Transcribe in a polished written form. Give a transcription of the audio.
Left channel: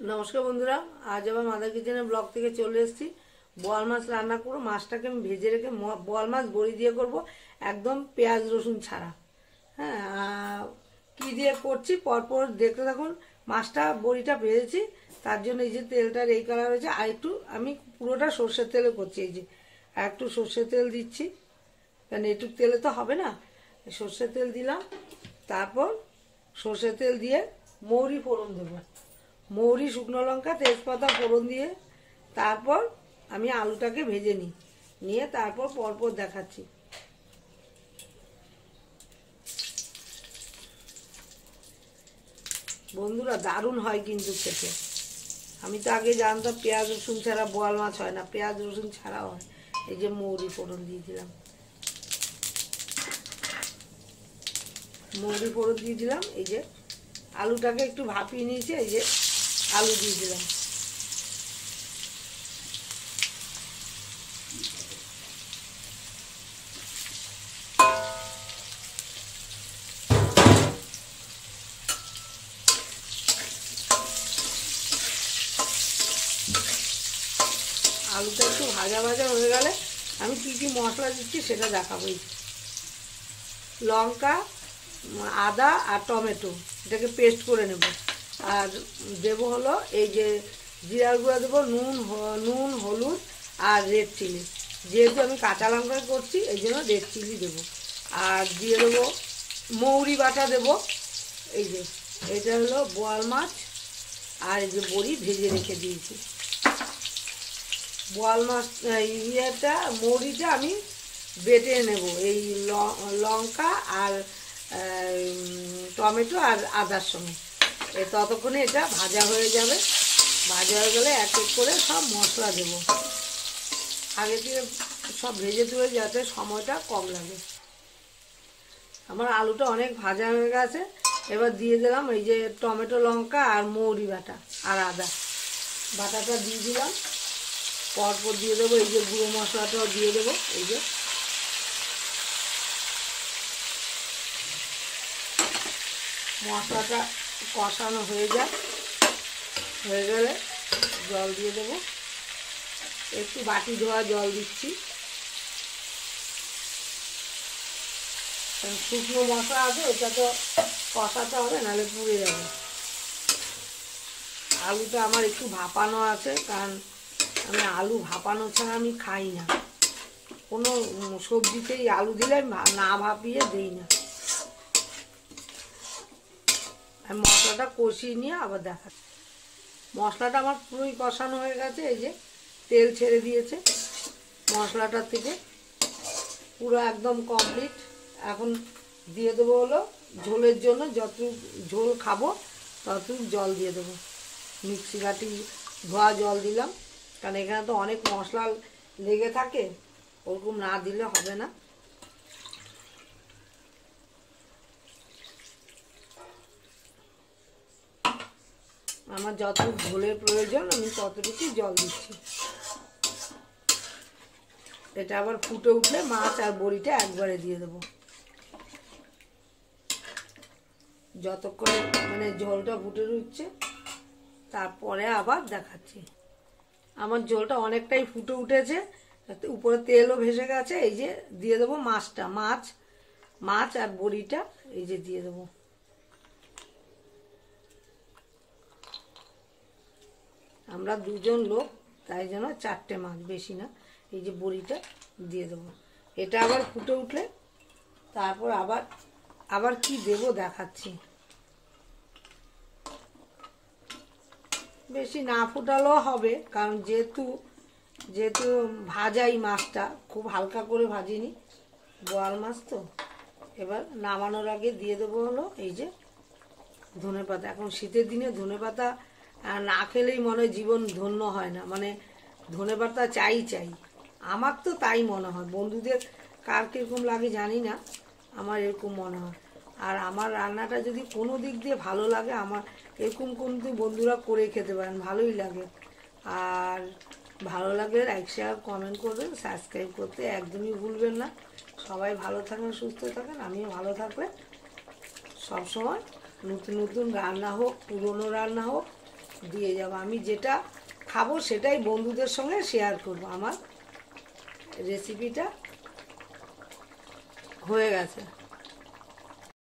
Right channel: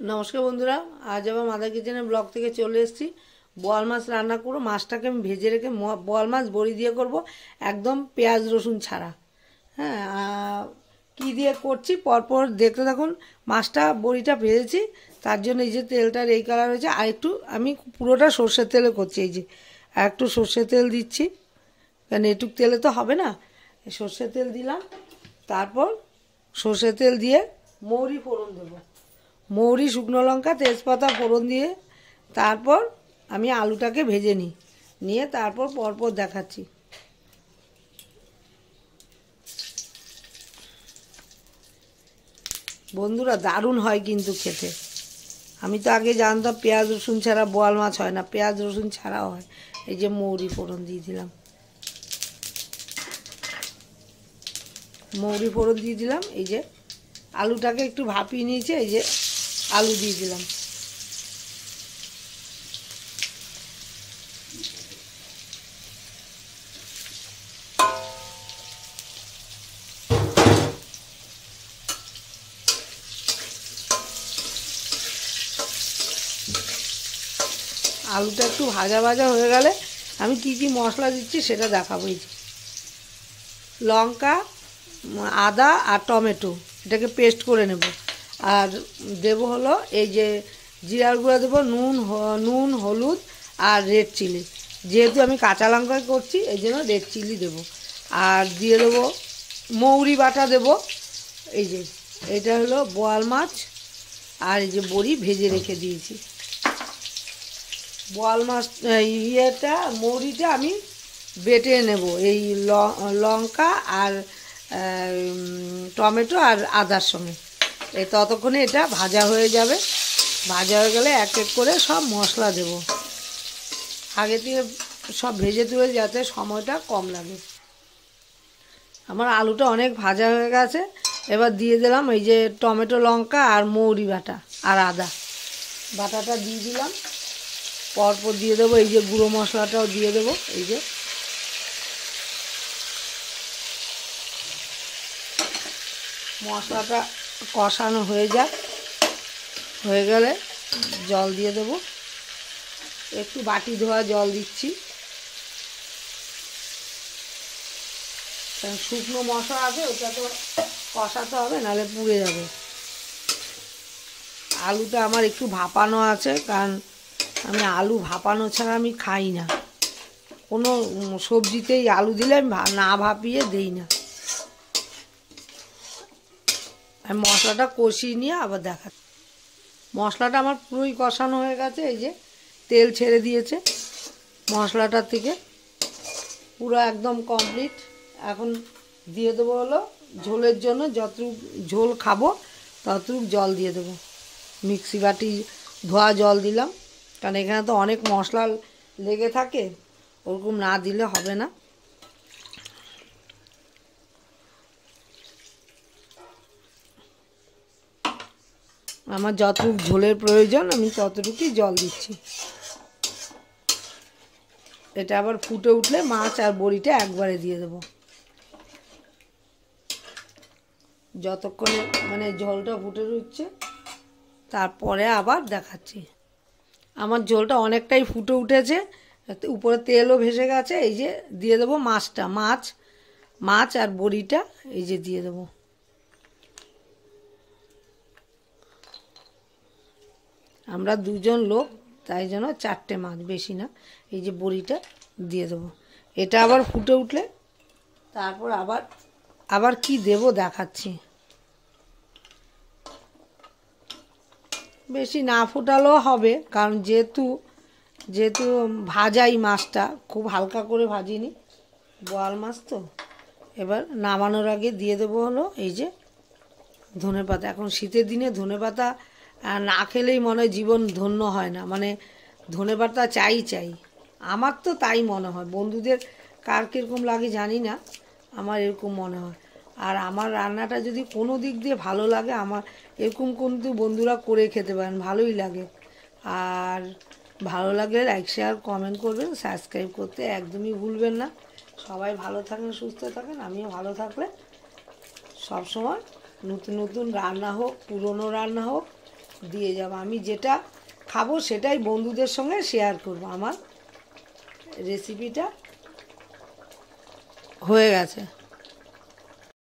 নমস্কার বন্ধুরা, আজ আবার মাদার কিচেনের ব্লগ থেকে চলে এসেছি। বোয়াল মাছ রান্না করবো। মাছটাকে আমি ভেজে রেখে বোয়াল মাছ বড়ি দিয়ে করব, একদম পেঁয়াজ রসুন ছাড়া। হ্যাঁ, কী দিয়ে করছি পরপর দেখতে থাকুন। মাছটা বড়িটা ভেজেছি, তার জন্য এই যে তেলটার এই কালার হয়েছে। আর একটু আমি পুরোটা সর্ষের তেলে করছি। এই যে আর একটু সর্ষের তেল দিচ্ছি, কারণ এটুক তেলে তো হবে না। সর্ষের তেল দিলাম, তারপর সর্ষের তেল দিয়ে মৌরি ফোড়ন দেবো। মৌরি, শুকনো লঙ্কা, তেজপাতা ফোড়ন দিয়ে তারপর আমি আলুটাকে ভেজে নিয়ে তারপর পরপর দেখাচ্ছি। বন্ধুরা, দারুণ হয় কিন্তু খেতে। আমি তো আগে জানতাম পেঁয়াজ রসুন ছাড়া বোয়াল মাছ হয় না, পেঁয়াজ রসুন ছাড়াও হয়। এই যে মৌরি ফোড়ন দিয়ে দিলাম, মৌরি ফোড়ন দিয়ে দিলাম। এই যে আলুটাকে একটু ভাপিয়ে নিয়েছে, এই যে আলু দিয়ে দিলাম। আলুটা একটু ভাজা ভাজা হয়ে গেলে আমি কি কি মশলা দিচ্ছি সেটা দেখাবো। লঙ্কা, আদা আর টমেটো এটাকে পেস্ট করে নেব। আর দেবো হলো এই যে জিরার গুঁড়া দেবো, নুন, হলুদ আর রেড চিলি। যেহেতু আমি কাঁচা লঙ্কা করছি এই জন্য রেড চিলি দেবো। আর দিয়ে দেবো মৌরি বাটা দেবো। এই যে এটা হলো বোয়াল মাছ, আর এই যে বড়ি ভেজে রেখে দিয়েছি। বোয়াল মাছ ইয়েটা মৌরিটা আমি বেটে নেব, এই লঙ্কা আর টমেটো আর আদার সঙ্গে। এই ততক্ষণে এটা ভাজা হয়ে যাবে। ভাজা হয়ে গেলে এক এক করে সব মশলা দেব। আগে থেকে সব ভেজে তুলে যাতে সময়টা কম লাগে। আমার আলুটা অনেক ভাজা হয়ে গেছে। এবার দিয়ে দিলাম এই যে টমেটো, লঙ্কা আর মৌরি বাটা আর আদা বাটাটা দিয়ে দিলাম। পরপর দিয়ে দেবো এই যে গুঁড়ো মশলাটাও দিয়ে দেবো। এই যে মশলাটা কষানো হয়ে গেলে জল দিয়ে দেবো। একটু বাটি ধোয়া জল দিচ্ছি, শুকনো মশলা আছে ওটা তো কষাতে হবে, নাহলে পুড়ে যাবে। আলুটা আমার একটু ভাপানো আছে, কারণ আমি আলু ভাপানো ছাড়া আমি খাই না। কোনো সবজিতেই আলু দিলে না ভাপিয়ে দিই না। আমি মশলাটা কষিয়ে নিয়ে আবার দেখা। মশলাটা আমার পুরোই কষানো হয়ে গেছে। এই যে তেল ছেড়ে দিয়েছে মশলাটার থেকে, পুরো একদম কমপ্লিট। এখন দিয়ে দেবো হলো ঝোলের জন্য, যতটুকু ঝোল খাবো ততটুকু জল দিয়ে দেবো। মিক্সি বাটি ধোয়া জল দিলাম, কারণ এখানে তো অনেক মশলা লেগে থাকে, ওরকম না দিলে হবে না। আমার যতটুকু ঝোলের প্রয়োজন আমি ততটুকুই জল দিচ্ছি। এটা আবার ফুটে উঠলে মাছ আর বড়িটা একবারে দিয়ে দেবো। যতক্ষণে মানে ঝোলটা ফুটে উঠছে তারপরে আবার দেখাচ্ছি। আমার ঝোলটা অনেকটাই ফুটে উঠেছে, উপরে তেলও ভেসে গেছে। এই যে দিয়ে দেবো মাছটা, মাছ আর বড়িটা এই যে দিয়ে দেবো। আমরা দুজন লোক, তাই জন্য 4টে মাছ, বেশি না। এই যে বড়িটা দিয়ে দেবো। এটা আবার ফুটে উঠলে তারপর আবার কি দেব দেখাচ্ছি। বেশি না ফুটালেও হবে, কারণ যেহেতু ভাজাই মাছটা, খুব হালকা করে ভাজিনি, বোয়াল মাছ তো। এবার নামানোর আগে দিয়ে দেবো হলো এই যে ধনেপাতা। এখন শীতের দিনে ধনেপাতা না খেলেই মনে হয় জীবন ধন্য হয় না, মানে ধনেপাতা চাই। আমার তো তাই মনে হয়। বন্ধুদের কার কীরকম লাগে জানি না, আমার এরকম মনে হয়। আর আমার রান্নাটা যদি কোনো দিক দিয়ে ভালো লাগে, আমার এরকম কিন্তু বন্ধুরা করে খেতে পারেন, ভালোই লাগে। আর ভালো লাগলে লাইক, শেয়ার, কমেন্ট করবেন, সাবস্ক্রাইব করতে একদমই ভুলবেন না। সবাই ভালো থাকেন, সুস্থ থাকেন। আমিও ভালো থাকলে সবসময় নতুন নতুন রান্না হোক, পুরনো রান্না হোক, দিয়ে যাব। আমি যেটা খাবো সেটাই বন্ধুদের সঙ্গে শেয়ার করব। আমার রেসিপিটা হয়ে গেছে।